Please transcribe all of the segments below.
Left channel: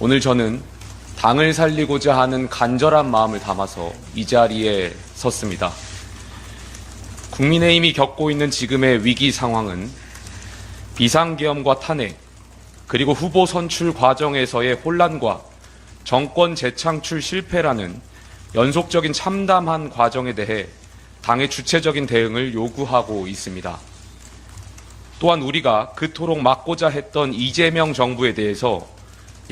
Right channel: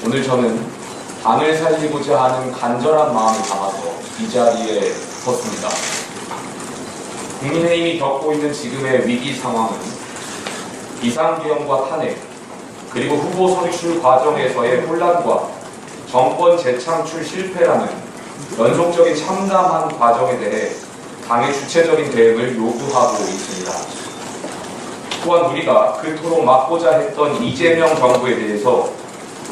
오늘 저는 당을 살리고자 하는 간절한 마음을 담아서 이 자리에 섰습니다. 국민의힘이 겪고 있는 지금의 위기 상황은 비상계엄과 탄핵, 그리고 후보 선출 과정에서의 혼란과 정권 재창출 실패라는 연속적인 참담한 과정에 대해 당의 주체적인 대응을 요구하고 있습니다. 또한 우리가 그토록 막고자 했던 이재명 정부에 대해서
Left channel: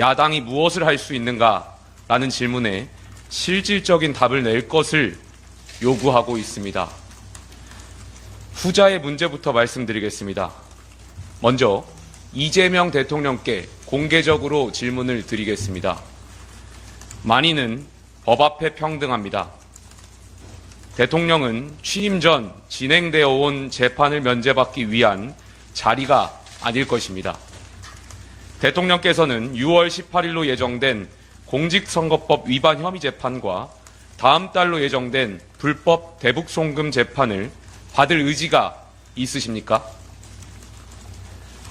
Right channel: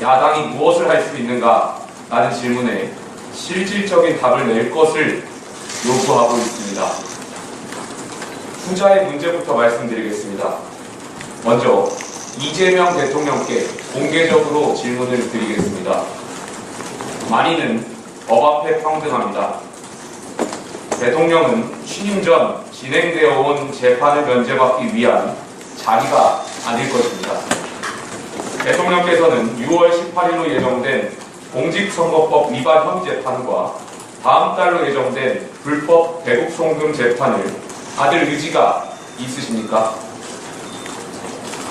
야당이 무엇을 할 수 있는가라는 질문에 실질적인 답을 낼 것을 요구하고 있습니다. 후자의 문제부터 말씀드리겠습니다. 먼저 이재명 대통령께 공개적으로 질문을 드리겠습니다. 만인은 법 앞에 평등합니다. 대통령은 취임 전 진행되어 온 재판을 면제받기 위한 자리가 아닐 것입니다. 대통령께서는 6월 18일로 예정된 공직선거법 위반 혐의 재판과 다음 달로 예정된 불법 대북송금 재판을 받을 의지가 있으십니까?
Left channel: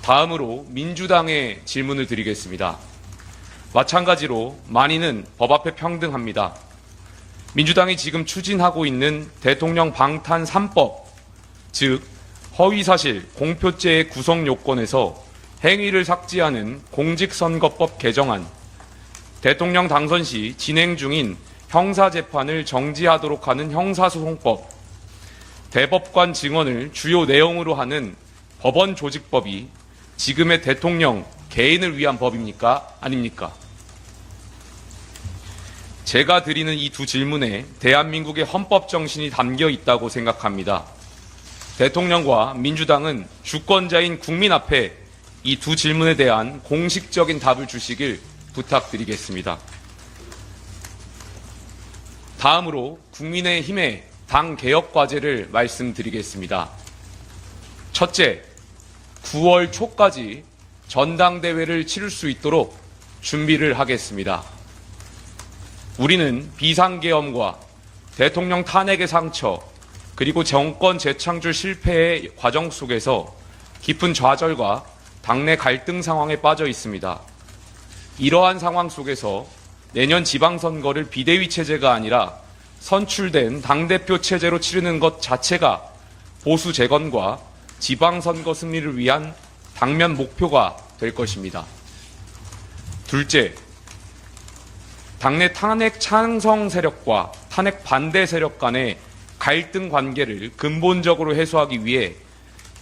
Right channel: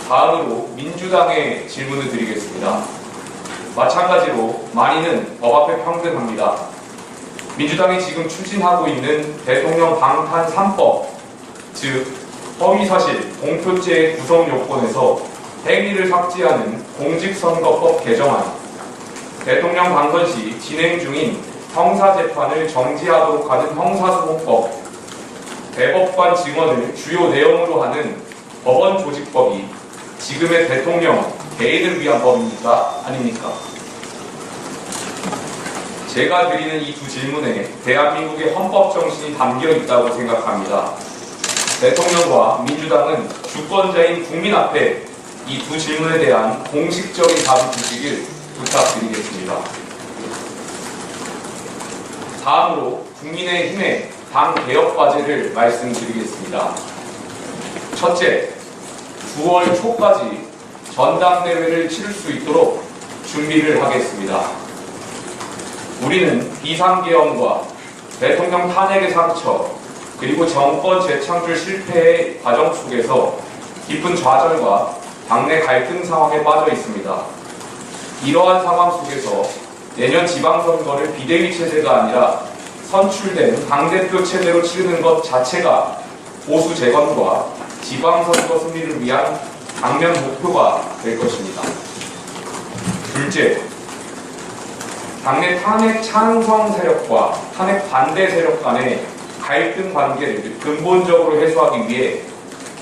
다음으로 민주당의 질문을 드리겠습니다. 마찬가지로 만인은 법 앞에 평등합니다. 민주당이 지금 추진하고 있는 대통령 방탄 3법, 즉 허위사실, 공표죄의 구성 요건에서 행위를 삭제하는 공직선거법 개정안, 대통령 당선 시 진행 중인 형사재판을 정지하도록 하는 형사소송법, 대법관 증언을 주요 내용으로 하는 법원조직법이 지금의 대통령 개인을 위한 법입니까? 아닙니까? 제가 드리는 이 두 질문에 대한민국의 헌법 정신이 담겨 있다고 생각합니다. 대통령과 민주당은 주권자인 국민 앞에 이 두 질문에 대한 공식적인 답을 주시길 부탁드리겠습니다. 다음으로 국민의힘의 당 개혁 과제를 말씀드리겠습니다. 첫째, 9월 초까지 전당대회를 치를 수 있도록 준비를 하겠습니다. 우리는 비상계엄과 대통령 탄핵의 상처, 그리고 정권 재창출 실패의 과정 속에서 깊은 좌절과 당내 갈등 상황에 빠져 있습니다. 이러한 상황 속에서 내년 지방선거를 비대위 체제가 아니라 선출된 당대표 체제로 치르는 것 자체가 보수 재건과 지방선거 승리를 위한 당면 목표가 될 것입니다. 둘째, 당내 탄핵 찬성 세력과 탄핵 반대 세력 간의 갈등 관계를 근본적으로 해소하기 위해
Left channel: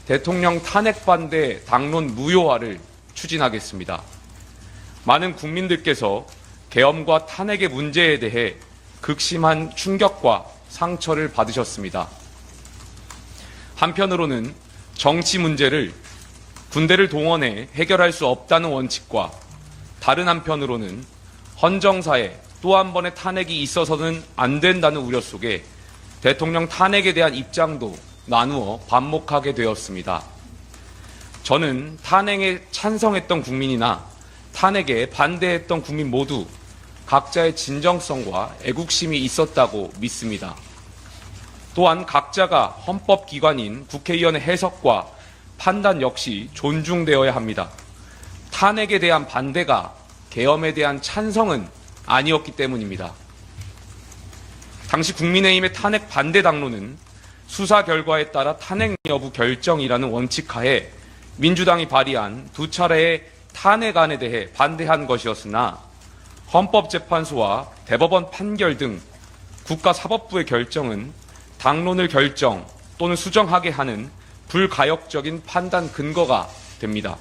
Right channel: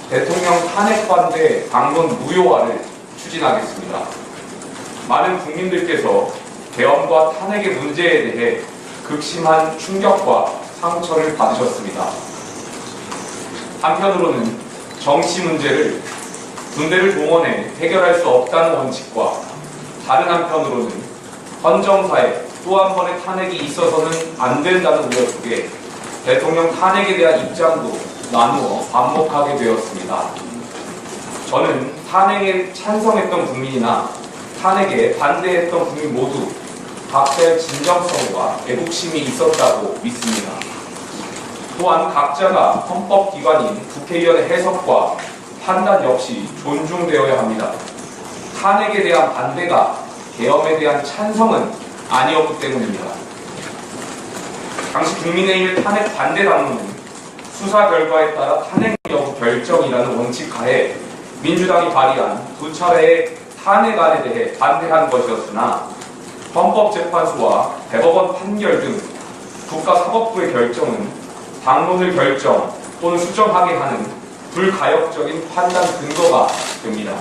대통령 탄핵 반대 당론 무효화를 추진하겠습니다. 많은 국민들께서 계엄과 탄핵의 문제에 대해 극심한 충격과 상처를 받으셨습니다. 한편으로는 정치 문제를 군대를 동원해 해결할 수 없다는 원칙과 다른 한편으로는 헌정사에 또 한 번의 탄핵이 있어서는 안 된다는 우려 속에 대통령 탄핵에 대한 입장도 나누어 반목하게 되었습니다. 저는 탄핵에 찬성했던 국민이나 탄핵에 반대했던 국민 모두 각자의 진정성과 애국심이 있었다고 믿습니다. 또한 각자가 헌법기관인 국회의원의 해석과 판단 역시 존중되어야 합니다. 탄핵에 대한 반대가 계엄에 대한 찬성은 아니었기 때문입니다. 당시 국민의힘의 탄핵 반대 당론은 수사 결과에 따라 탄핵 여부 결정이라는 원칙 하에 민주당이 발의한 두 차례의 탄핵안에 대해 반대한 것이었으나 헌법재판소와 대법원 판결 등 국가사법부의 결정은 당론을 결정 또는 수정하게 하는 불가역적인 판단 근거가 됩니다.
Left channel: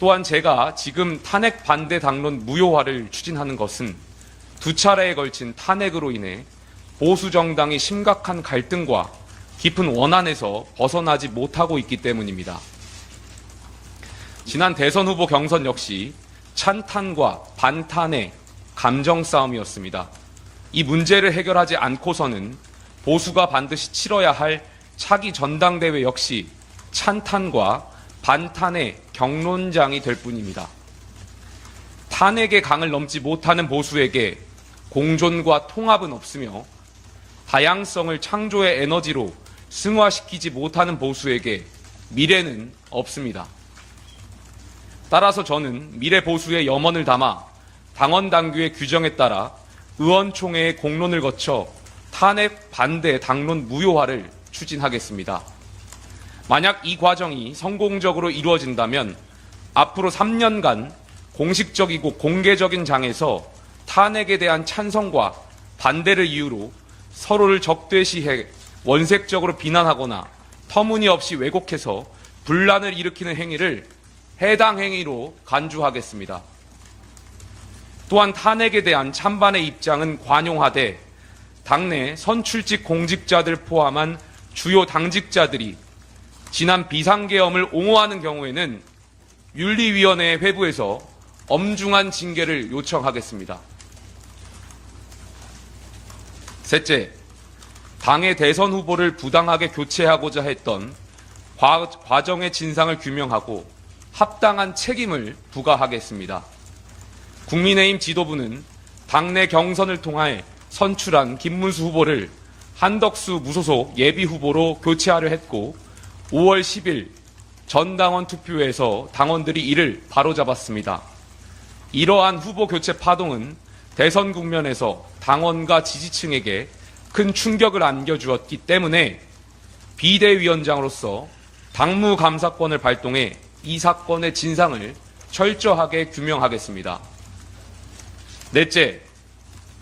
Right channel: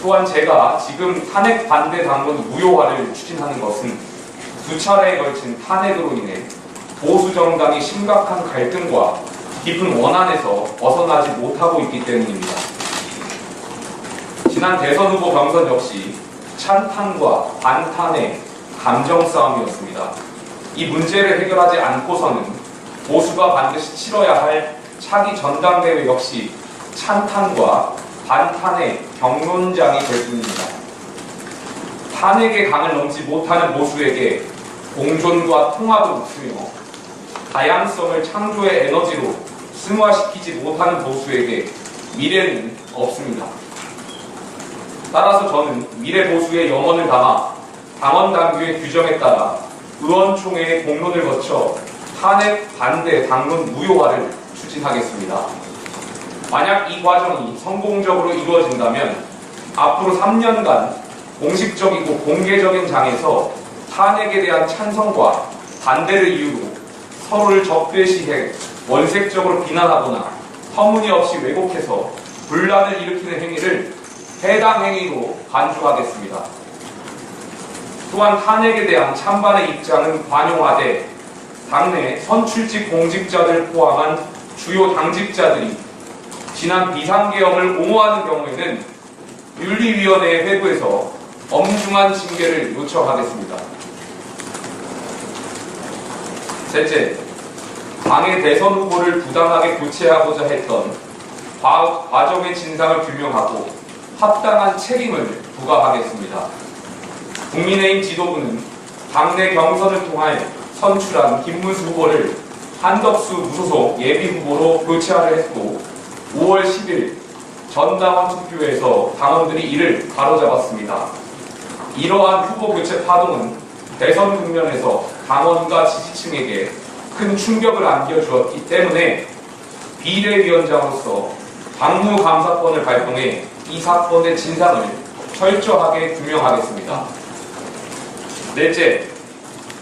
또한 제가 지금 탄핵 반대 당론 무효화를 추진하는 것은 두 차례에 걸친 탄핵으로 인해 보수 정당이 심각한 갈등과 깊은 원한에서 벗어나지 못하고 있기 때문입니다. 지난 대선 후보 경선 역시 찬탄과 반탄의 감정 싸움이었습니다. 이 문제를 해결하지 않고서는 보수가 반드시 치러야 할 차기 전당대회 역시 찬탄과 반탄의 경론장이 될 뿐입니다. 탄핵의 강을 넘지 못하는 보수에게 공존과 통합은 없으며 다양성을 창조의 에너지로 승화시키지 못하는 보수에게 미래는 없습니다. 따라서 저는 미래 보수의 염원을 담아 당원 당규의 규정에 따라 의원총회의 공론을 거쳐 탄핵 반대 당론 무효화를 추진하겠습니다. 만약 이 과정이 성공적으로 이루어진다면 앞으로 3년간 공식적이고 공개적인 장에서 탄핵에 대한 찬성과 반대를 이유로 서로를 적대시해 원색적으로 비난하거나 터무니없이 왜곡해서 분란을 일으키는 행위를 해당 행위로 간주하겠습니다. 또한 탄핵에 대한 찬반의 입장은 관용하되 당내 선출직 공직자들 포함한 주요 당직자들이 지난 비상계엄을 옹호하는 경우에는 윤리위원회의 회부에서 엄중한 징계를 요청하겠습니다. 셋째, 당의 대선 후보를 부당하게 교체하고자 했던 과정의 진상을 규명하고 합당한 책임을 부과하겠습니다. 국민의힘 지도부는 당내 경선을 통해 선출한 김문수 후보를 한덕수 무소속 예비후보로 교체하려 했고 5월 10일 전당원 투표에서 당원들이 이를 바로잡았습니다. 이러한 후보 교체 파동은 대선 국면에서 당원과 지지층에게 큰 충격을 안겨주었기 때문에 비대위원장으로서 당무감사권을 발동해 이 사건의 진상을 철저하게 규명하겠습니다. 넷째,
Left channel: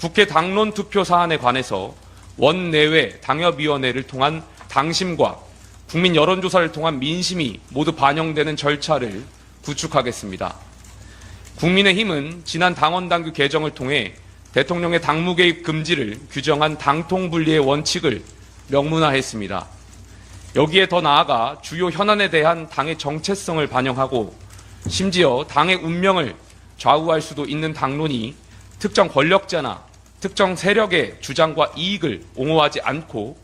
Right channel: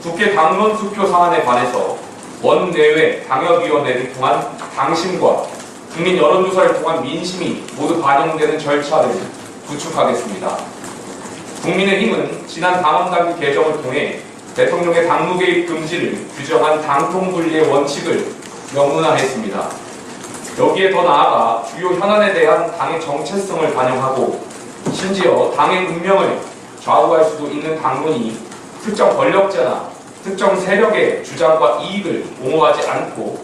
국회 당론 투표 사안에 관해서 원내외 당협위원회를 통한 당심과 국민 여론조사를 통한 민심이 모두 반영되는 절차를 구축하겠습니다. 국민의힘은 지난 당원당규 개정을 통해 대통령의 당무 개입 금지를 규정한 당통분리의 원칙을 명문화했습니다. 여기에 더 나아가 주요 현안에 대한 당의 정체성을 반영하고 심지어 당의 운명을 좌우할 수도 있는 당론이 특정 권력자나 특정 세력의 주장과 이익을 옹호하지 않고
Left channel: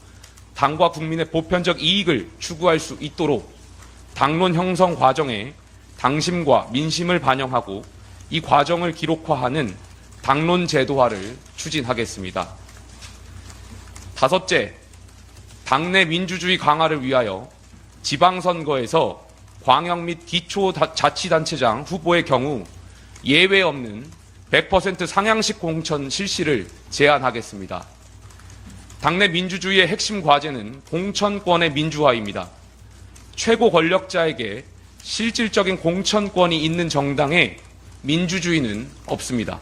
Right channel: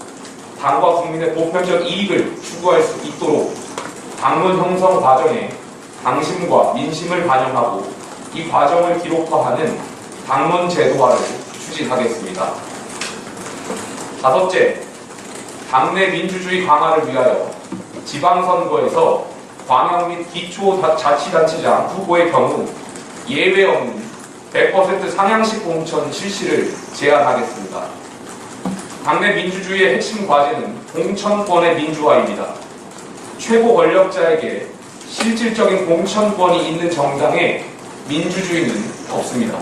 당과 국민의 보편적 이익을 추구할 수 있도록 당론 형성 과정에 당심과 민심을 반영하고 이 과정을 기록화하는 당론 제도화를 추진하겠습니다. 다섯째, 당내 민주주의 강화를 위하여 지방선거에서 광역 및 기초자치단체장 후보의 경우 예외 없는 100% 상향식 공천 실시를 제안하겠습니다. 당내 민주주의의 핵심 과제는 공천권의 민주화입니다. 최고 권력자에게 실질적인 공천권이 있는 정당에 민주주의는 없습니다.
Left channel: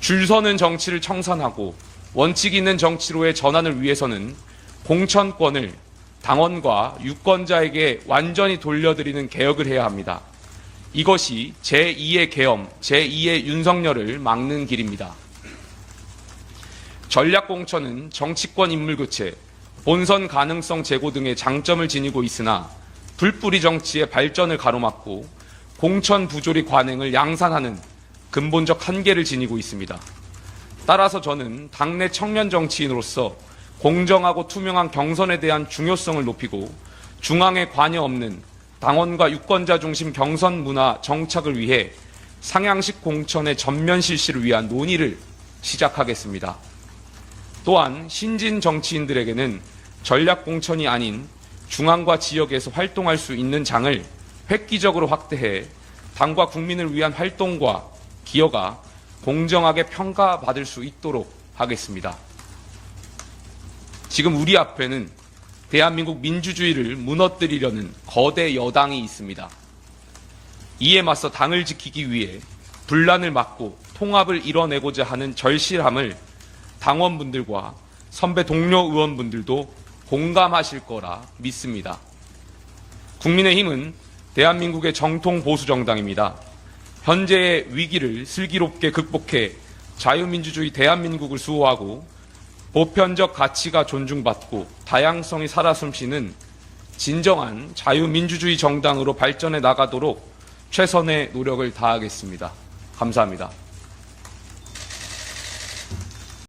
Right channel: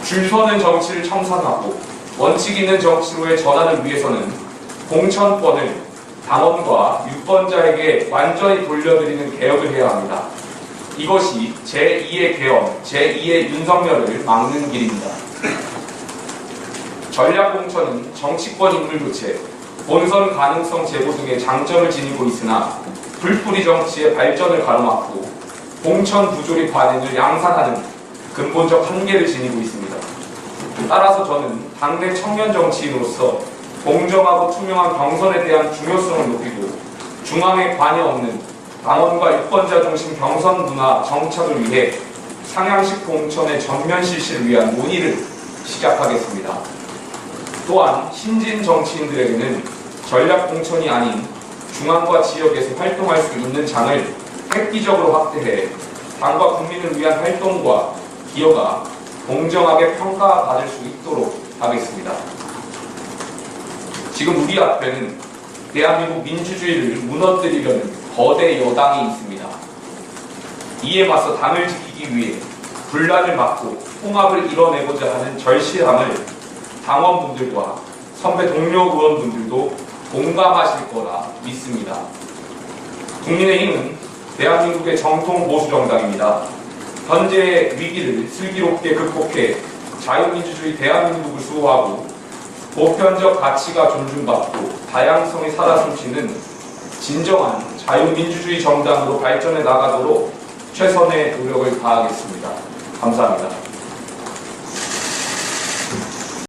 줄 서는 정치를 청산하고 원칙 있는 정치로의 전환을 위해서는 공천권을 당원과 유권자에게 완전히 돌려드리는 개혁을 해야 합니다. 이것이 제2의 계엄, 제2의 윤석열을 막는 길입니다. 전략공천은 정치권 인물 교체, 본선 가능성 제고 등의 장점을 지니고 있으나 불뿌리 정치의 발전을 가로막고 공천 부조리 관행을 양산하는 근본적 한계를 지니고 있습니다. 따라서 저는 당내 청년 정치인으로서 공정하고 투명한 경선에 대한 중요성을 높이고 중앙에 관여 없는 당원과 유권자 중심 경선 문화 정착을 위해 상향식 공천의 전면 실시를 위한 논의를 시작하겠습니다. 또한 신진 정치인들에게는 전략 공천이 아닌 중앙과 지역에서 활동할 수 있는 장을 획기적으로 확대해 당과 국민을 위한 활동과 기여가 공정하게 평가받을 수 있도록 하겠습니다. 지금 우리 앞에는 대한민국 민주주의를 무너뜨리려는 거대 여당이 있습니다. 이에 맞서 당을 지키기 위해 분란을 막고 통합을 이뤄내고자 하는 절실함을 당원분들과 선배 동료 의원분들도 공감하실 거라 믿습니다. 국민의힘은 대한민국의 정통 보수 정당입니다. 현재의 위기를 슬기롭게 극복해 자유민주주의 대한민국을 수호하고 보편적 가치가 존중받고 다양성이 살아 숨쉬는 진정한 자유민주주의 정당으로 발전해 나가도록 최선의 노력을 다하겠습니다. 감사합니다.